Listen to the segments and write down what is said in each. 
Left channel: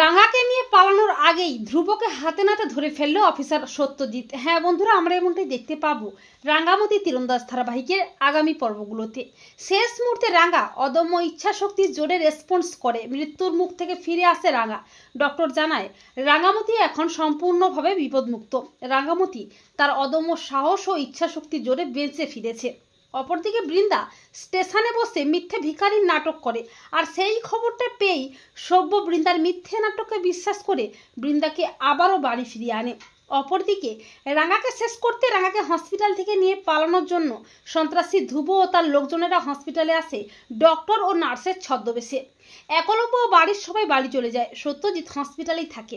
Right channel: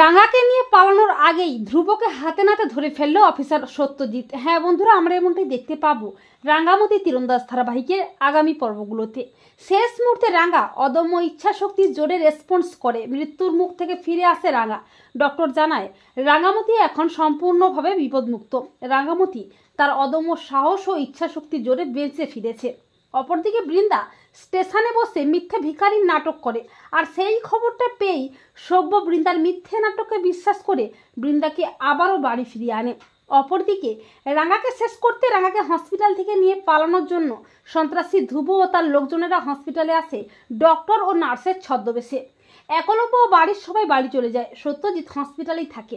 রাঙাকে নিয়ে পালানোর আগেই ধ্রুবকে হাতে নাতে ধরে ফেললো অফিসার সত্যজিৎ। হ্যাঁ বন্ধুরা, আমরা এমনটাই দেখতে পাবো রাঙ্গামতি তীরন্দাজ ধারাবাহিকের আগামী পর্বগুলোতে। শেষ মুহূর্তে রাঙা অদম্য ইচ্ছা শক্তির জোরে রেসপন্স করে মৃত্যুর মুখ থেকে ফিরে আসে রাঙা। ডক্টর জানায় রাঙামতি এখন সম্পূর্ণভাবে বিপদমুক্ত। রাঙামতি তার অদম্য সাহস ও ইচ্ছা শক্তির জোরে বেঁচে ফিরেছে। অপরদিকে বৃন্দা স্টেশনে বসে মিথ্যে ভিখারির নাটক করে, আর সেই খবরটা পেয়েই সভ্য বৃন্দার মিথ্যে নাটককে বিশ্বাস করে বৃন্দাকে আবারও বাড়ি ফিরিয়ে আনে। অপরদিকে রাঙাকে শেষ করতে রাঙাকে হসপিটাল থেকে নিয়ে পালানোর জন্য সন্ত্রাসী ধ্রুব ও তার লোকজনেরা হসপিটালে আসে ডক্টর ও নার্সের ছদ্মবেশে। একলব্য ও বাড়ির সবাই বাড়ি চলে যায়, সত্যজিৎ হসপিটালেই থাকে।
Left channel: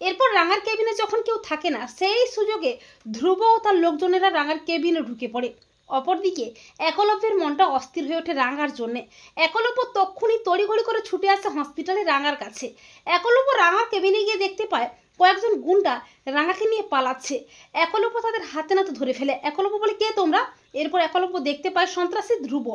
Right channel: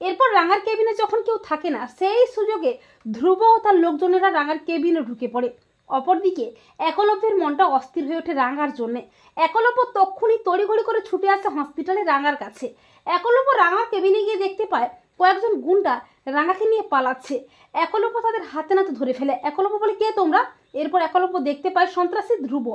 এরপর রাঙার কেবিনে যখন কেউ থাকে না, সেই সুযোগে ধ্রুব ও তার লোকজনেরা রাঙার কেবিনে ঢুকে পড়ে। অপরদিকে একলব্যের মনটা অস্থির হয়ে ওঠে রাঙার জন্যে। একলব্য তক্ষুনি তড়িঘড়ি করে ছুটে আসে হসপিটালে রাঙার কাছে। একলব্য রাঙার কেবিনে গিয়ে দেখতে পায় কয়েকজন গুন্ডা রাঙাকে নিয়ে পালাচ্ছে। একলব্য তাদের হাতে নাতে ধরে ফেলে। একলব্য বলে, কে তোমরা? এরপর একলব্য দেখতে পায় সন্ত্রাসী ধ্রুব।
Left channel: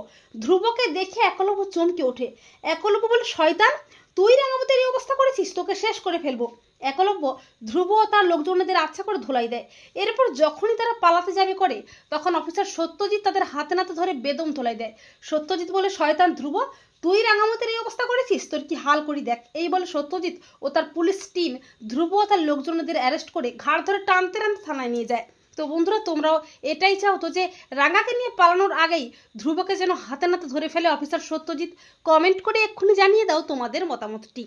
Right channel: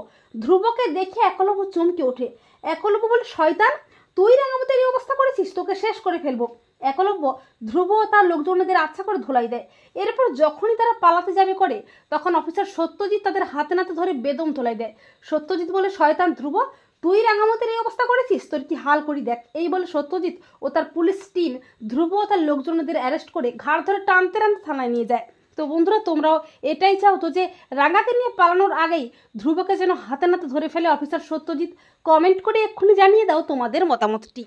ধ্রুবকে দেখে একলব্য চমকে ওঠে। একলব্য বলে, শয়তান, তুই রাঙামতির এই অবস্থা করেছিস, তোকে শেষ করে ফেলবো। একলব্য ধ্রুব ও তার লোকজনদের আচ্ছা করে ধোলাই দেয়। এরপর যখনই তারা পালাতে যাবে করে, তখন অফিসার সত্যজিৎ তাদের হাতে নাতে ধরে বেদম ধোলাই দেয়। সত্যজিৎ বলে, শয়তান ধ্রুব, তুই রাঙামতির এই অবস্থা করেছিস, তোর কি হাল করি দেখ। এই বলে সত্যজিৎ ও তার পুলিশ টিম ধ্রুব ও তার লোকজনদের অ্যারেস্ট করে ঘাড় ধরে টানতে টানতে থানায় নিয়ে যায়। তো বন্ধুরা, তোমরাও এটাই চাও তো যে রাঙাকে নিয়ে পালানোর আগেই ধ্রুবকে যেন হাতে নাতে ধরে ফেলে অফিসার সত্যজিৎ? কমেন্ট করে এক্ষুনি জানিয়ে দাও তোমাদের মতামতটি।